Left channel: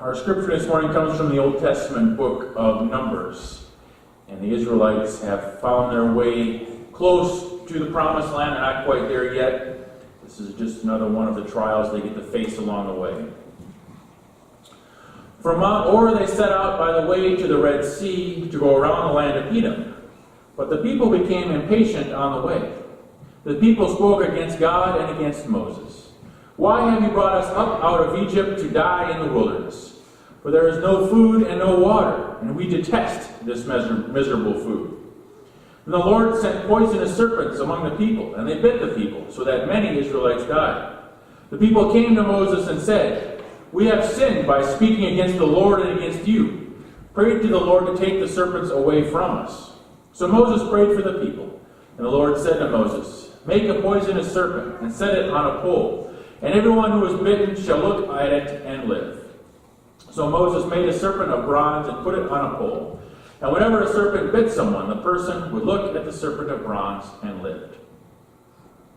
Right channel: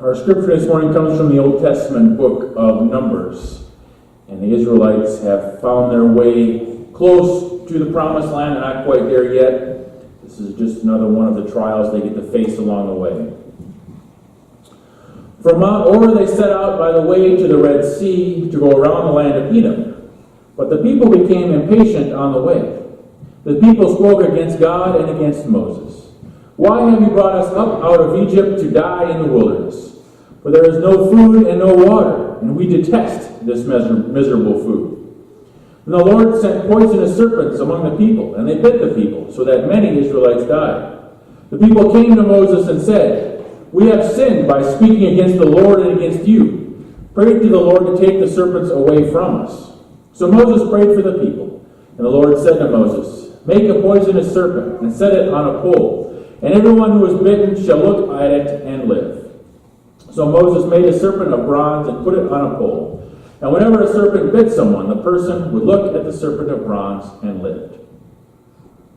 Our scripture this morning comes from the Old Testament book of Numbers. And the Israelites have found their way close to the promised land. They're not quite there yet. This is just another one of the trials they get to face along the way. From Mount Or they set out by the way to the Red Sea to go around the land of Edom. But the people became impatient on the way. The people spoke against God and against Moses. Why have you brought us up out of Egypt to die in the wilderness? For there is no food and no water, and we detest this miserable food. And the Lord sent poisonous serpents among the people, and they bit the people, so that many Israelites died. The people came to Moses and said, "We have sinned by speaking against the Lord and against you. Pray to the Lord to take the serpents away from us." So Moses prayed for the people, and the Lord said to Moses, "Make a poisonous serpent and set it on a pole, and everyone who is bitten shall look at it and live." So Moses made a serpent of bronze and put it on a pole. And whenever a serpent bit someone, the person would look at the serpent of bronze and lived.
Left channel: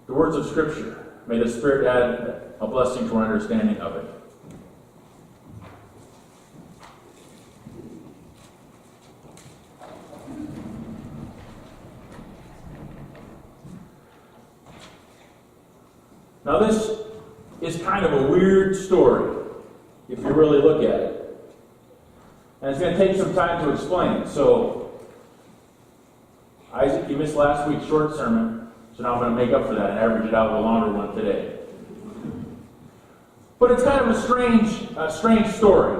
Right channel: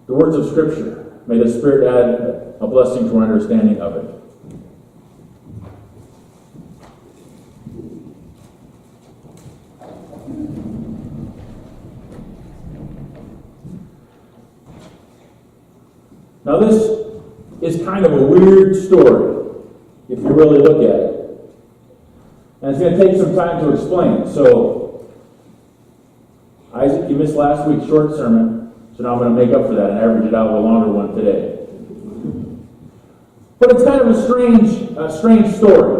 The words of Scripture. May the Spirit add a blessing to our understanding of it. Now this is kind of a weird story, if you really look at it. And it's going to take some time to explain. So, Isaac, you missed last week's short sermon, so now I'm going to make up for that and average it out with a longer one today. But it's kind of a strange story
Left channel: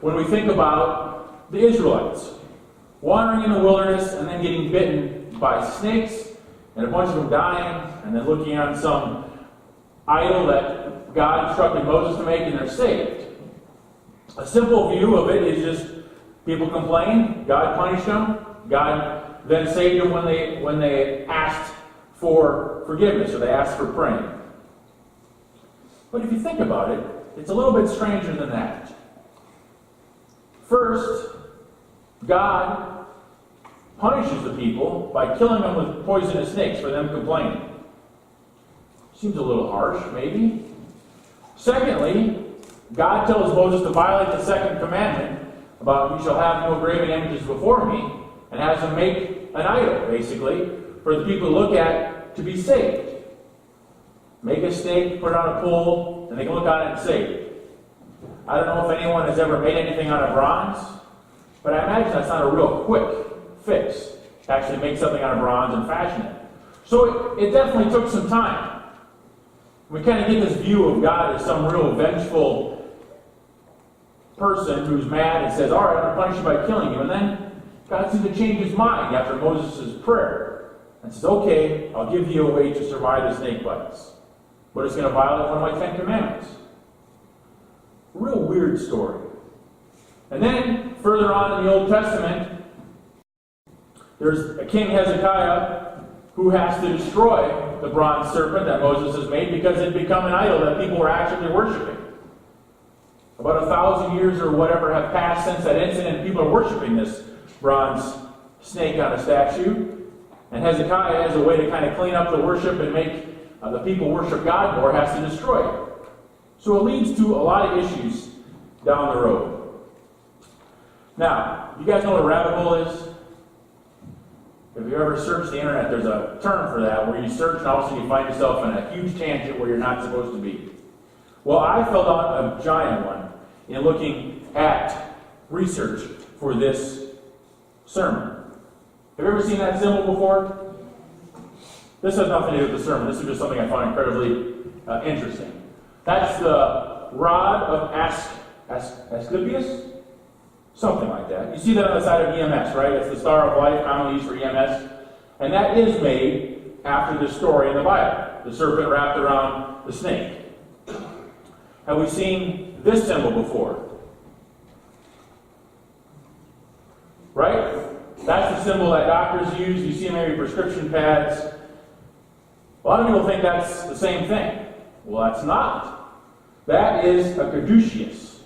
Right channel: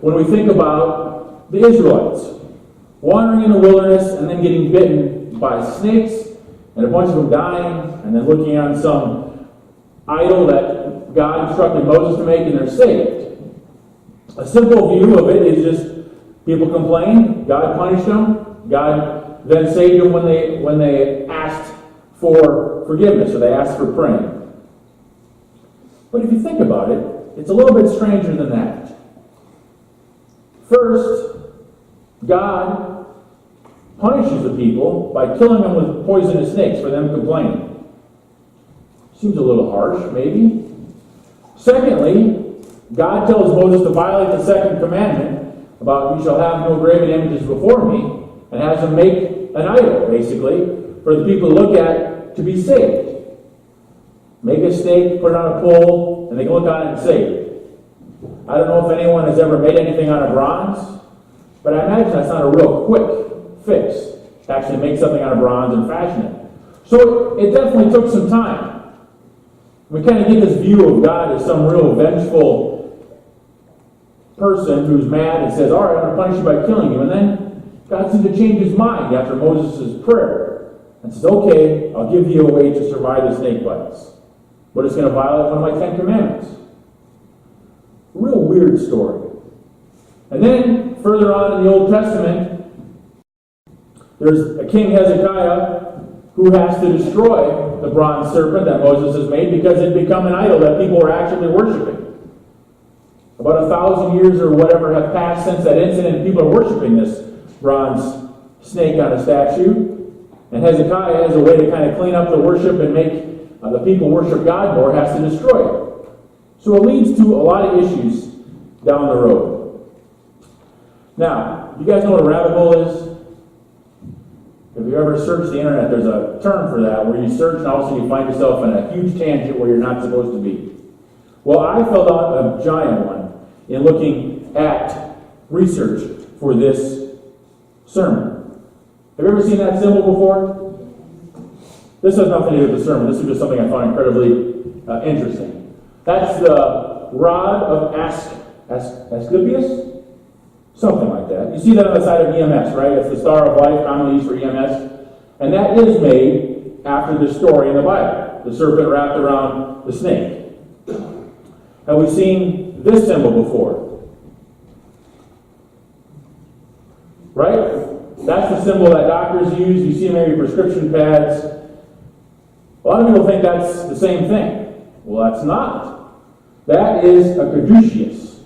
when we think about the Israelites wandering in the wilderness and then getting bitten by snakes and a bunch of them dying and then looking on some idol that God instructed Moses to make, and they're saved. A simple view of it is just people complained, God punished them, God then saved them when they asked for forgiveness, or they asked for praying. But if you think about it, it's a little bit stranger than that. First, God punishes the people by killing them with poisonous snakes for them complaining. Seems a little harsh, maybe. Secondly, God tells Moses to violate the second commandment about, "You shall have no graven images before me," and has them make an idol, basically, for the people to look at to be saved. Make a snake, put it on a pole, and they can look on it and saved. I don't know if anyone has ever made anything out of bronze, but I imagine that's not a real quick fix to actually make something out of bronze and fashion it. So it definitely took some time. We kind of get this view of God as some real vengeful person who's mad and says, "All right, I'm going to punish you by killing you." And then God seems to change his mind after Moses' prayer and says, "Okay, I'll give you a way to survive the snake bites. But it's going to violate one of my 10 commandments." Real weird story. And then, further on in the Old Testament, there's a King Hezekiah who has to destroy the bronze serpent that Moses has made because it had become an idol that people were actually worshiping. About 1,000 years or whatever have passed since that incident, and people are worshiping this bronze snake on a statue. And Hezekiah, as a way to kind of clean up the worship and make the people worship God more, has to destroy it. So it leads to a lot of issues down the road. Now, you guys know what a rabbit hole is? If you ever searched the internet, there's a term for that, where you search and all of a sudden you find yourself in a huge tangent where you're not supposed to be. Well, I fell down a giant one in looking at research for this sermon. Have you ever seen that symbol before? This has nothing to do with the sermon. This is just something I find incredibly interesting. That's the rod of Asclepius? Something like that. You see that on the side of EMS, right? It's the Star of Life, commonly used for EMS. And that is made after the story in the Bible. The serpent wrapped around the snake. Have we seen this symbol before? Right? That's the symbol that doctors use. You see maybe prescription pads. A lot of people think that's the same thing. Well, that's not. That is a caduceus.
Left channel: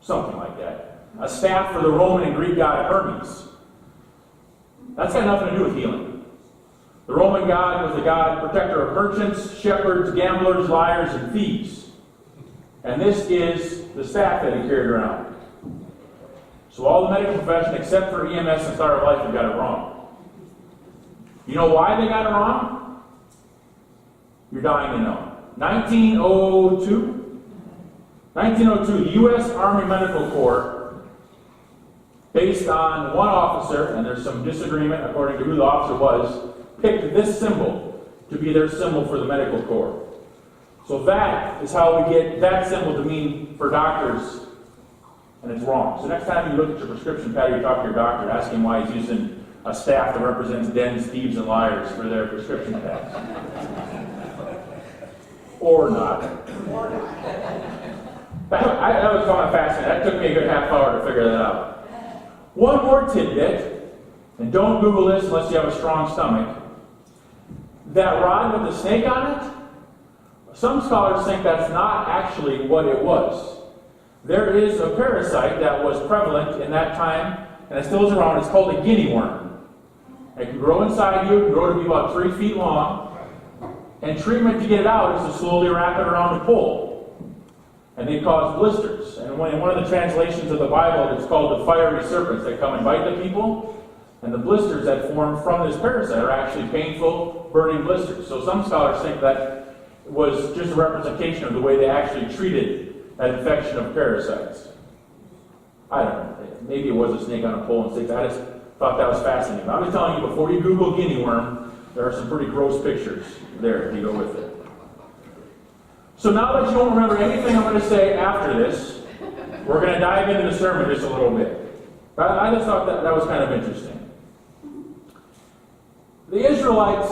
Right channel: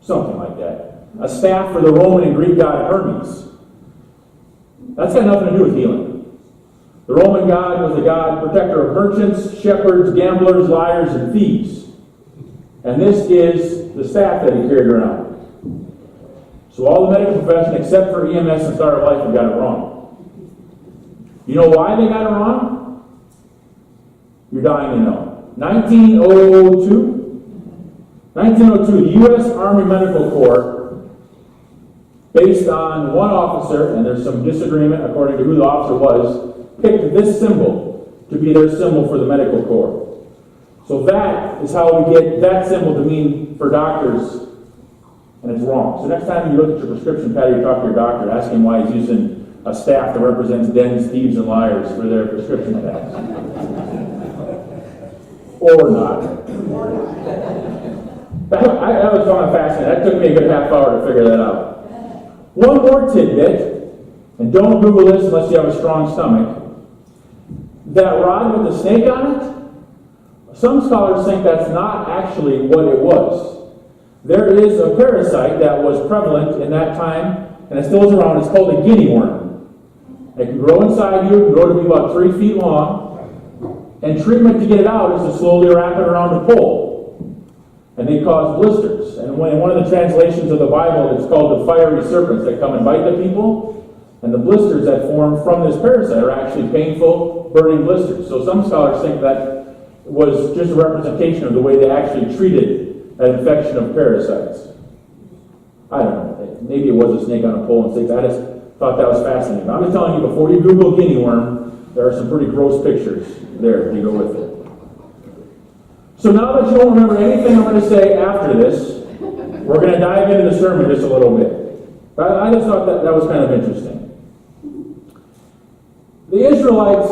Something like that. A staff for the Roman and Greek god Hermes. That's got nothing to do with healing. The Roman god was the god protector of merchants, shepherds, gamblers, liars, and thieves. And this is the staff that he carried around. So all the medical profession, except for EMS and Star of Life, have got it wrong. You know why they got it wrong? You're dying to know. 1902, the U.S. Army Medical Corps, based on one officer, and there's some disagreement according to who the officer was, picked this symbol to be their symbol for the medical corps. So that is how we get that symbol to mean for doctors, and it's wrong. So next time you look at your prescription pad or you talk to your doctor, ask him why he's using a staff that represents dens, thieves, and liars for their prescription pads. Or not. That was kind of fascinating. That took me a good half hour to figure that out. One more tidbit, and don't Google this unless you have a strong stomach. That rod with the snake on it, some scholars think that's not actually what it was. There is a parasite that was prevalent in that time, and it still is around. It's called a guinea worm. It can grow inside you, it can grow to be about 3 feet long, and treatment to get it out is to slowly wrap it around a pole. And they cause blisters. And in one of the translations of the Bible, it's called the fiery serpents that come and bite the people. And the blisters that form from this parasite are actually painful, burning blisters. So some scholars think that was just a representation of the way they actually treated an infection of parasites. I don't know. Maybe it was a snake on a pole and sticks. I just thought that was fascinating. But I'm just telling you, before you Google guinea worm, there are some pretty gross pictures there to go with it. So now that you don't remember anything I'm going to say after this, we're going to dive into the sermon just a little bit. I just thought that was kind of interesting. The Israelites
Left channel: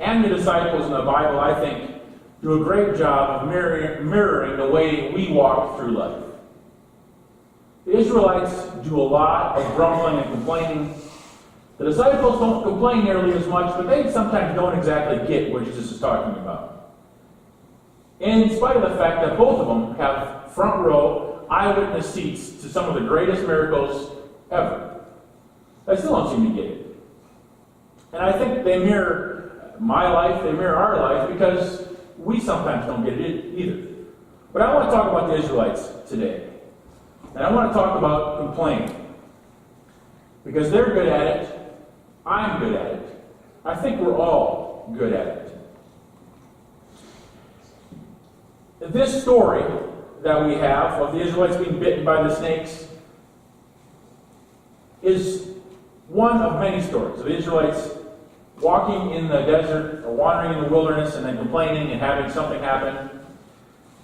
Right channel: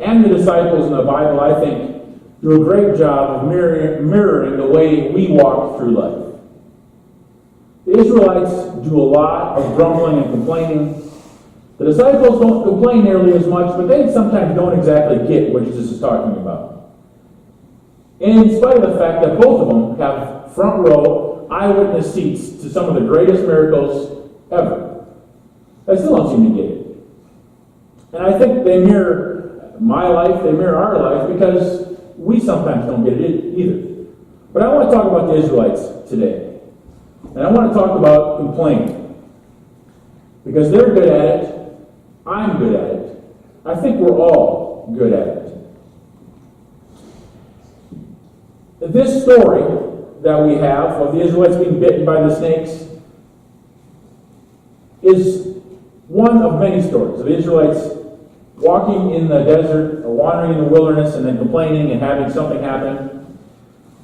and the disciples in the Bible, I think, do a great job of mirroring the way we walk through life. The Israelites do a lot of grumbling and complaining. The disciples don't complain nearly as much, but they sometimes don't exactly get what Jesus is talking about. In spite of the fact that both of them have front row eyewitness seats to some of the greatest miracles ever, they still don't seem to get it. And I think they mirror my life, they mirror our life, because we sometimes don't get it either. But I want to talk about the Israelites today. And I want to talk about complaining. Because they're good at it, I'm good at it. I think we're all good at it. This story that we have of the Israelites being bitten by the snakes is one of many stories of the Israelites walking in the desert or wandering in the wilderness and then complaining and having something happen.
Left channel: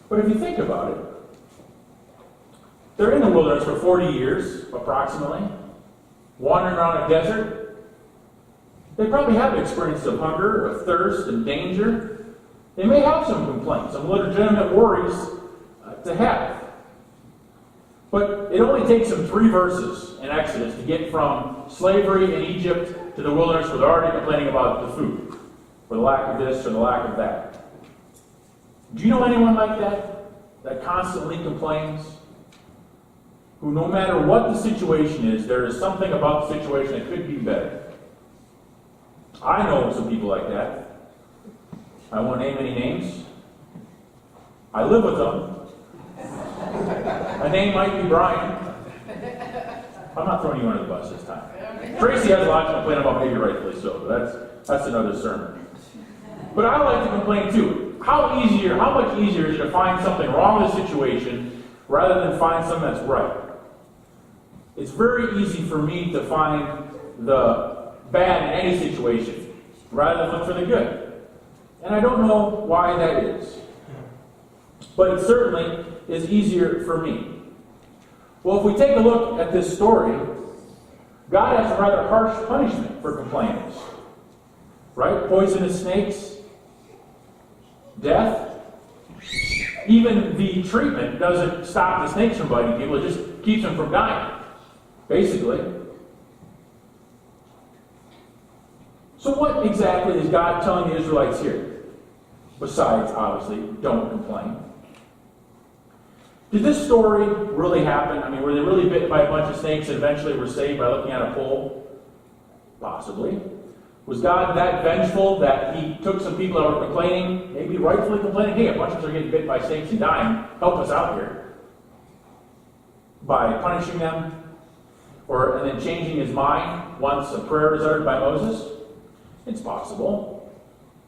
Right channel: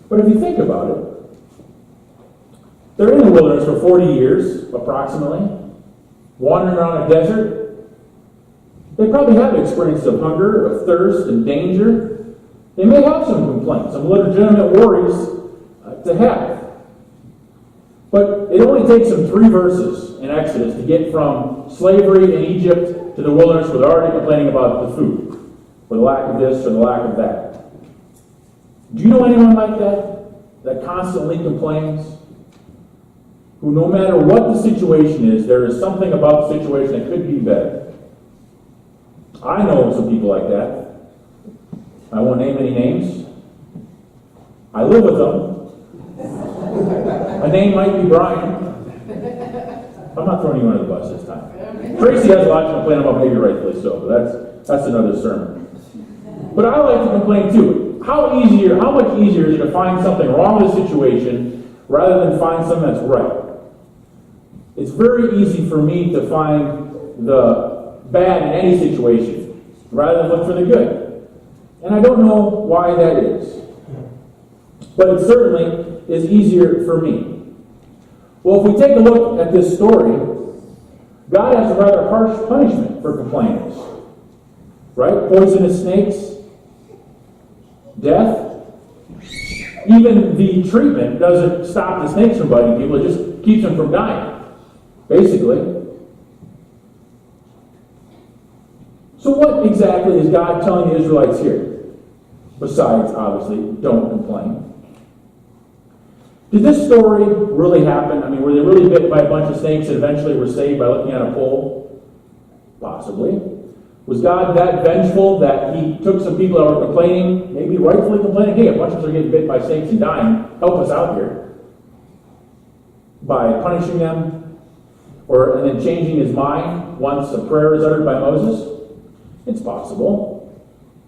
But if you think about it, they're in the wilderness for 40 years, approximately, wandering around a desert. They probably have experiences of hunger, of thirst, and danger. They may have some complaints, some legitimate worries to have. But it only takes them 3 verses in Exodus to get from slavery in Egypt to the wilderness where they're already complaining about the food, or the lack of this or the lack of that. Do you know anyone like that? That constantly complains? Who, no matter what the situation is, there is something about the situation that could be better. I know some people like that. I won't name any names. I live with them. A name might be Brian. I'm not throwing you under the bus this time. Tracy has a lot to complain about, maybe rightfully so, but that's another sermon. But I like to complain too. How much easier is it to find something wrong with a situation rather than find something that's right? It's very easy for me to find the bad in any situation rather than look for the good. And I don't know why that is. But it certainly is easier for me. Well, if we take a look at this story, God has a rather harsh punishment for complainers. Right? Poisonous snakes, death. Even the treatment doesn't stop the snakes from biting people, it just keeps them from dying, basically. So what exactly is God telling the Israelites here? Besides, obviously, don't complain. Did this story really happen? I mean, were they really bitten by a bunch of snakes and eventually were saved by looking at a pole? Possibly. Was God that vengeful that he took some people that were complaining, maybe rightfully complaining, hey, a bunch of us are getting bit by snakes and dying, help us out here, by punishing them, and then changing his mind once a prayer is uttered by Moses? It's possible.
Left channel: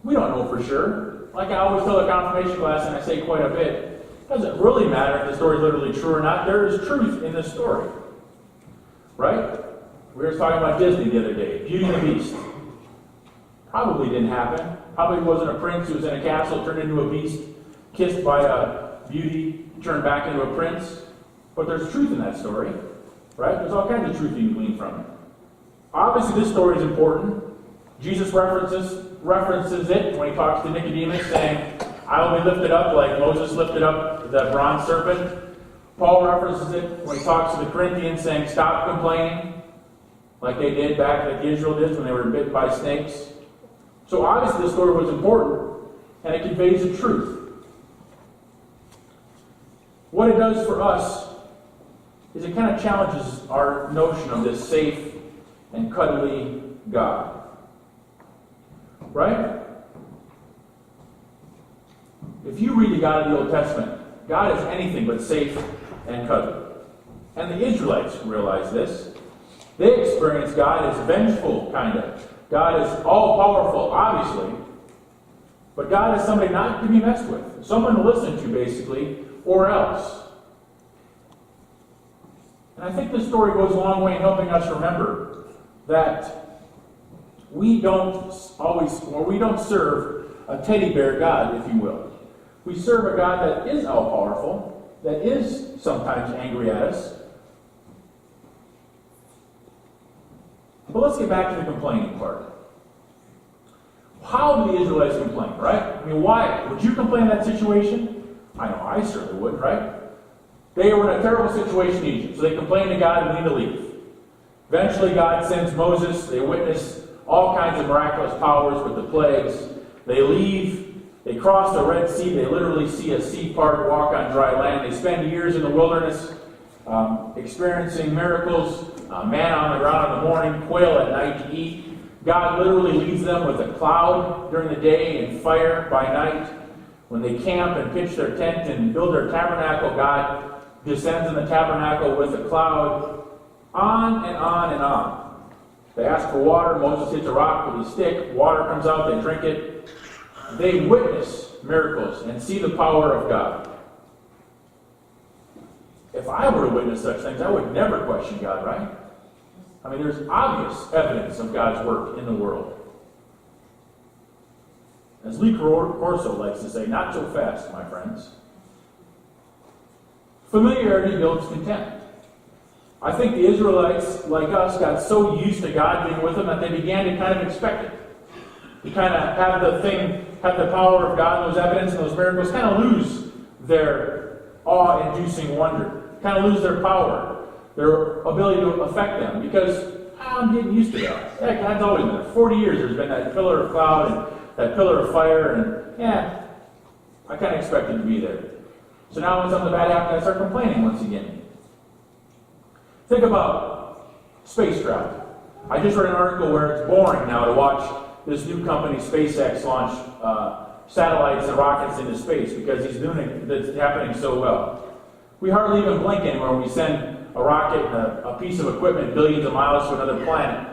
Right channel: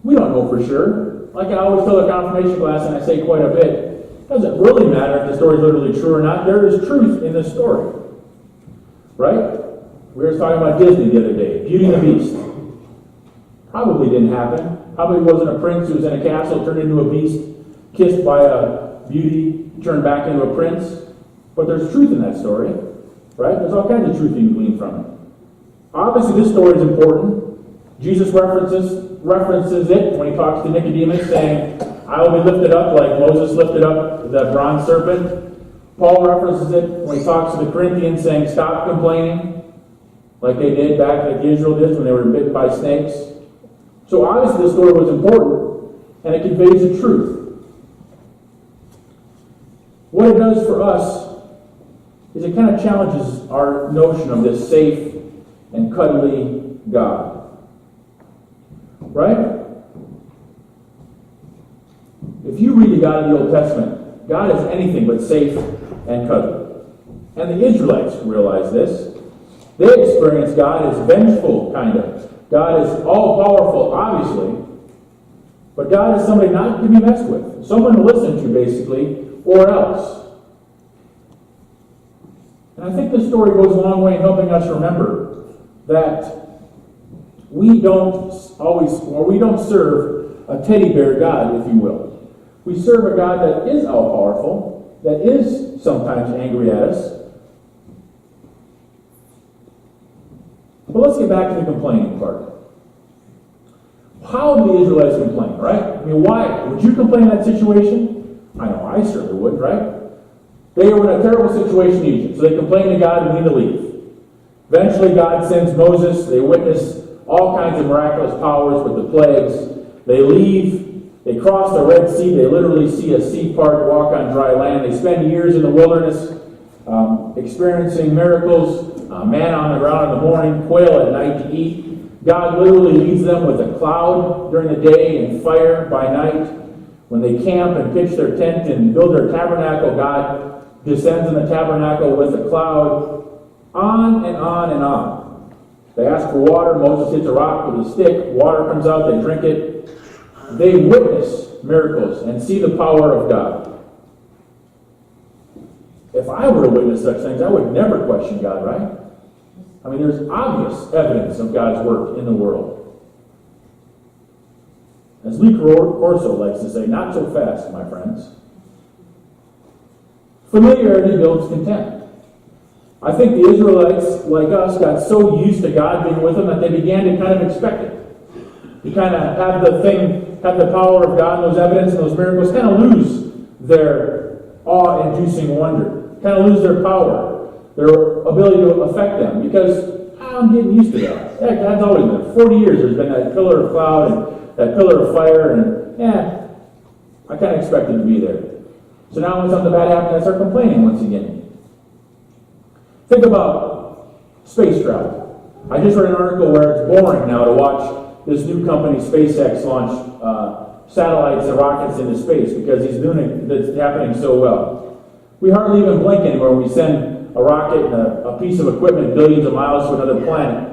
We don't know for sure. Like I always tell the confirmation class, and I say quite a bit, it doesn't really matter if the story is literally true or not. There is truth in this story. Right? We were talking about Disney the other day. Beauty and the Beast. Probably didn't happen. Probably wasn't a prince who was in a castle, turned into a beast, kissed by a beauty, turned back into a prince. But there's truth in that story. Right? There's all kinds of truth you can glean from it. Obviously, this story is important. Jesus references it when he talks to Nicodemus, saying, I will be lifted up like Moses lifted up the bronze serpent. Paul references it when he talks to the Corinthians, saying, stop complaining, like they did back, like Israel did when they were bitten by snakes. So obviously this story was important, and it conveys the truth. What it does for us is it kind of challenges our notion of this safe and cuddly God. Right? If you read the God of the Old Testament, God is anything but safe and cuddly. And the Israelites realize this. They experience God as vengeful, kind of. God is all-powerful, obviously. But God is somebody not to be messed with. Someone to listen to, basically, or else. And I think this story goes a long way in helping us remember that we don't serve a teddy bear God, if you will. We serve a God that is all-powerful, that is sometimes angry at us. But let's get back to the complaining part. How do the Israelites complain, right? I mean, why? Would you complain in that situation? I know I certainly would, right? They were in a terrible situation in Egypt, so they complained to God and need to leave. Eventually, God sends Moses. They witness all kinds of miraculous powers with the plagues. They leave. They cross the Red Sea. They literally see a sea part, walk on dry land. They spend years in the wilderness experiencing miracles, manna on the ground in the morning, quail at night to eat. God literally leads them with a cloud during the day and fire by night. When they camp and pitch their tent and build their tabernacle, God descends in the tabernacle with a cloud. On and on and on. They ask for water. Moses hits a rock with a stick. Water comes out. They drink it. They witness miracles and see the power of God. If I were to witness such things, I would never question God, right? I mean, there's obvious evidence of God's work in the world. As Lee Corso likes to say, not so fast, my friends. Familiarity builds contempt. I think the Israelites, like us, got so used to God being with them that they began to kind of expect it. To kind of have the power of God, and those evidence and those miracles, kind of lose their awe-inducing wonder. Kind of lose their power, their ability to affect them, because I'm getting used to that. Yeah, God's always been there. 40 years there's been that pillar of cloud and that pillar of fire, and yeah, I kind of expected to be there. So now when something bad happens, I start complaining once again. Think about space travel. I just read an article where it's boring now to watch this new company, SpaceX, launch satellites and rockets into space because he's doing it, that's happening so well. We hardly even blink anymore when we send a rocket and a piece of equipment billions of miles to another planet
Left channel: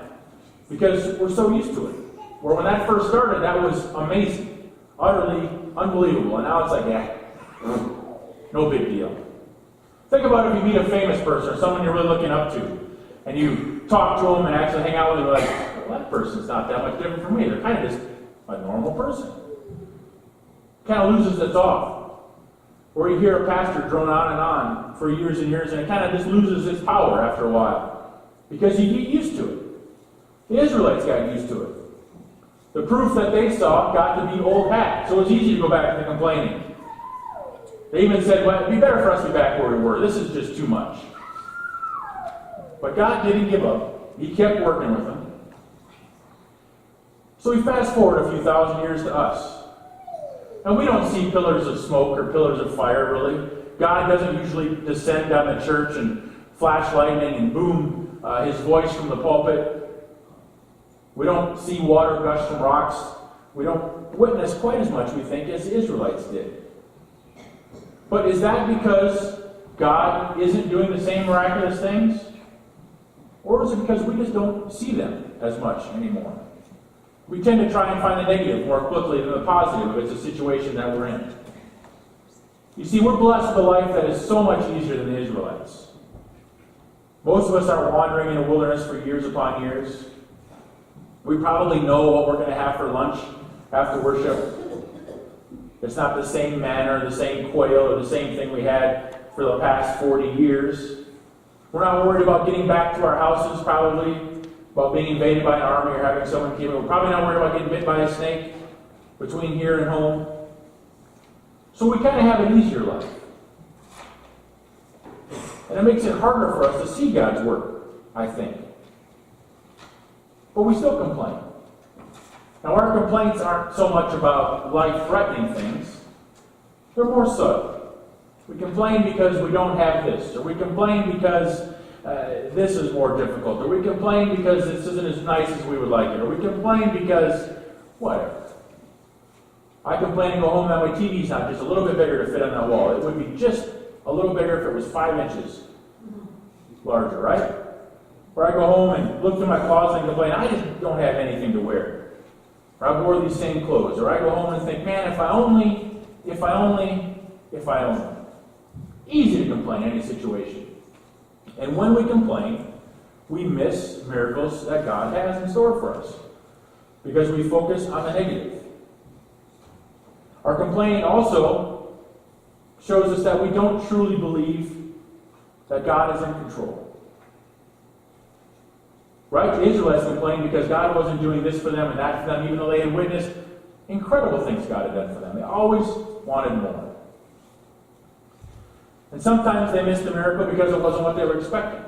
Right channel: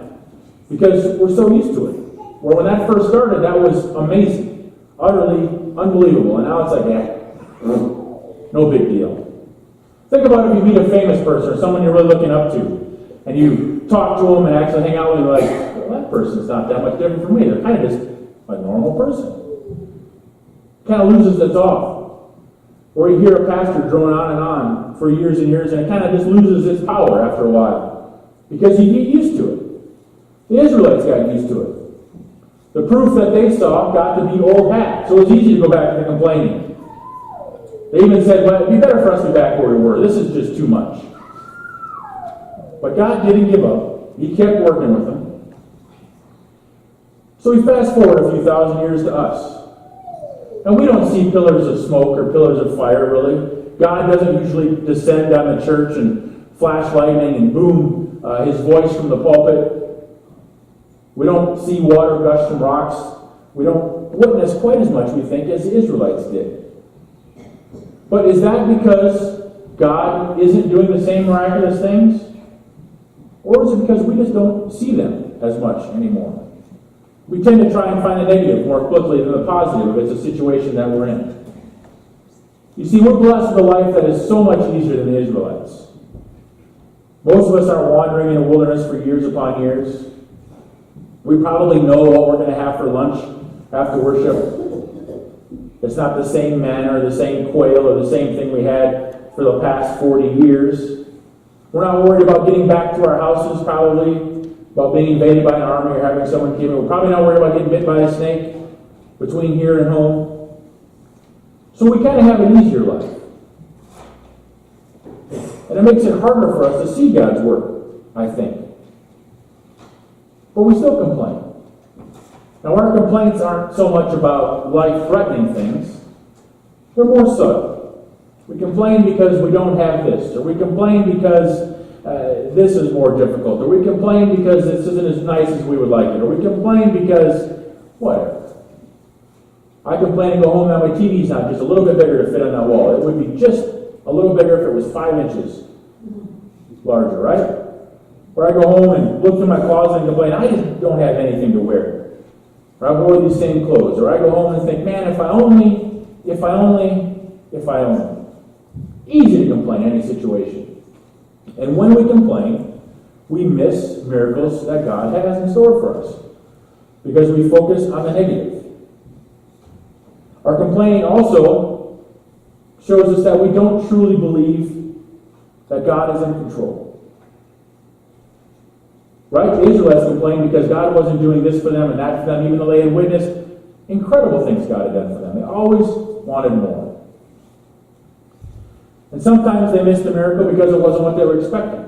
because we're so used to it. Where when that first started, that was amazing, utterly unbelievable, and now it's like, no big deal. Think about if you meet a famous person or someone you're really looking up to, and you talk to them and actually hang out with them, you're like, well, that person's not that much different from me. They're kind of just a normal person. Kind of loses its awe. Or you hear a pastor drone on and on for years and years, and it kind of just loses its power after a while. Because you get used to it. The Israelites got used to it. The proof that they saw got to be old hat. So it's easy to go back to the complaining. They even said, well, it'd be better for us to be back where we were. This is just too much. But God didn't give up. He kept working with them. So we fast forward a few thousand years to us. And we don't see pillars of smoke or pillars of fire, really. God doesn't usually descend on the church and flash lightning and boom his voice from the pulpit. We don't see water gush from rocks. We don't witness quite as much, we think, as the Israelites did. But is that because God isn't doing the same miraculous things? Or is it because we just don't see them as much anymore? We tend to try and find the negative more quickly than the positive if it's a situation that we're in. You see, we're blessed with a life that is so much easier than the Israelites. Most of us aren't wandering in the wilderness for years upon years. We probably know what we're going to have for lunch after worship. It's not the same manna or the same quail or the same thing we had for the past 40 years. We're not worried about getting back to our houses, probably, about being invaded by an army or having someone kill me. We're probably not worried about getting bit by a snake between here and home. So we kind of have an easier life. And it makes it harder for us to see God's work, I think. But we still complain. Now, our complaints aren't so much about life-threatening things. They're more subtle. We complain because we don't have this, or we complain because this is more difficult, or we complain because this isn't as nice as we would like it, or we complain because whatever. I complain and go home that my TV's not just a little bit bigger to fit on that wall. It would be just a little bigger if it was 5 inches larger, right? Or I go home and look through my closet and complain, I just don't have anything to wear. Or I wore these same clothes. Or I go home and think, man, if I only. Easy to complain in any situation. And when we complain, we miss miracles that God has in store for us. Because we focus on the negative. Our complaining also shows us that we don't truly believe that God is in control. Right? The Israelites complained because God wasn't doing this for them and that for them, even though they had witnessed incredible things God had done for them. They always wanted more. And sometimes they missed the miracle because it wasn't what they were expecting.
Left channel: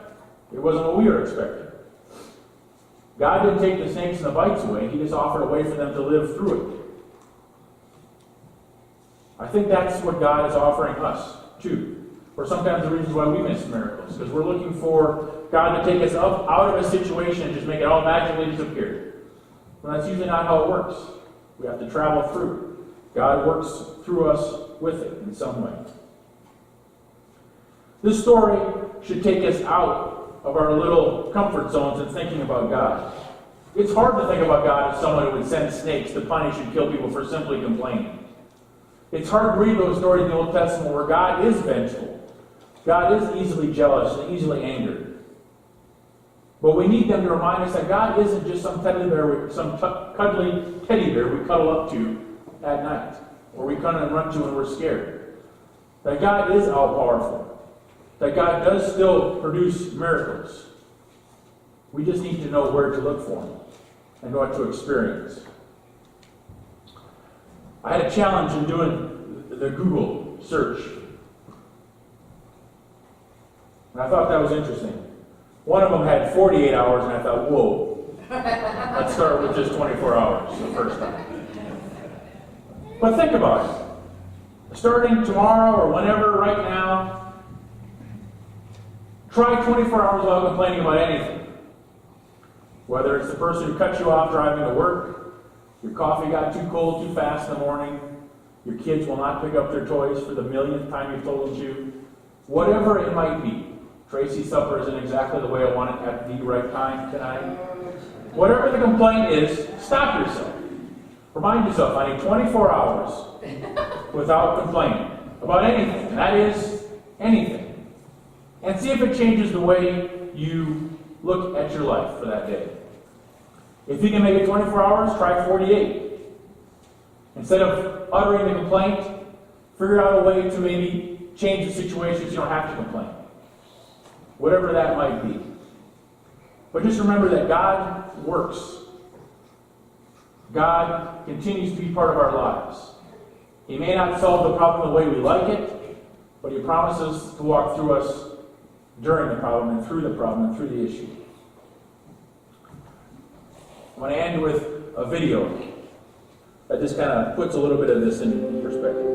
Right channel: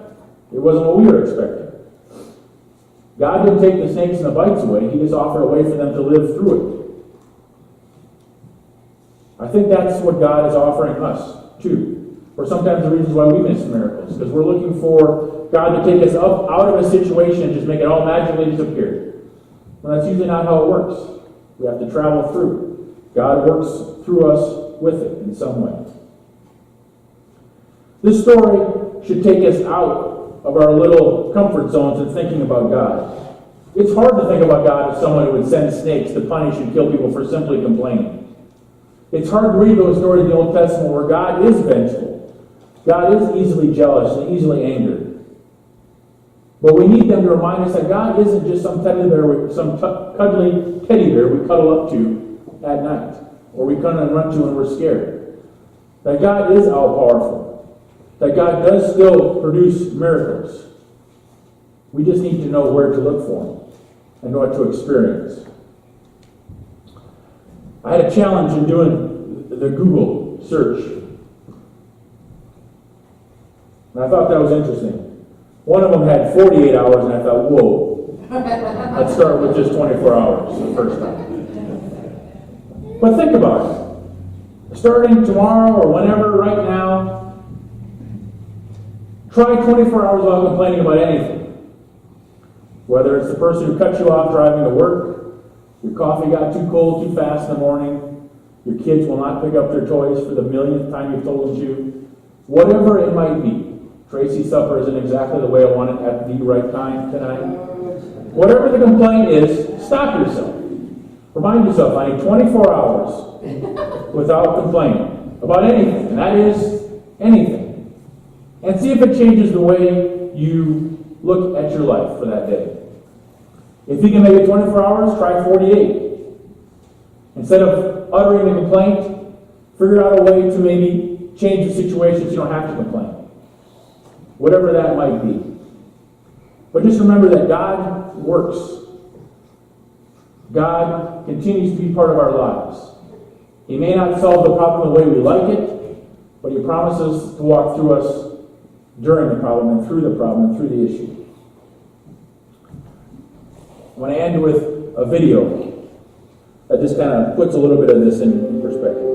It wasn't what we were expecting. God didn't take the snakes and the bites away. He just offered a way for them to live through it. I think that's what God is offering us, too. Or sometimes the reasons why we miss miracles. Because we're looking for God to take us up out of a situation and just make it all magically disappear. Well, that's usually not how it works. We have to travel through. God works through us with it in some way. This story should take us out of our little comfort zones and thinking about God. It's hard to think about God as someone who would send snakes to punish and kill people for simply complaining. It's hard to read those stories in the Old Testament where God is vengeful. God is easily jealous and easily angered. But we need them to remind us that God isn't just some teddy bear, some cuddly teddy bear we cuddle up to at night, or we come and run to when we're scared. That God is all-powerful. That God does still produce miracles. We just need to know where to look for them and what to experience. I had a challenge in doing the Google search. And I thought that was interesting. One of them had 48 hours, and I thought, whoa. Let's start with just 24 hours the first time. But think about it. Starting tomorrow or whenever, right now, try 24 hours without complaining about anything. Whether it's the person who cut you off driving to work, your coffee got too cold too fast in the morning, your kids will not pick up their toys for the millionth time you've told them to, whatever it might be. Tracy's supper isn't exactly the way I want it at the right time tonight. Whatever the complaint is, stop yourself. Remind yourself, I need 24 hours without complaining about anything, and that is anything. And see if it changes the way you look at your life for that day. If you can make it 24 hours, try 48. Instead of uttering the complaint, figure out a way to maybe change the situation so you don't have to complain. Whatever that might be. But just remember that God works. God continues to be part of our lives. He may not solve the problem the way we like it, but He promises to walk through us during the problem and through the problem and through the issue. I want to end with a video that just kind of puts a little bit of this in perspective.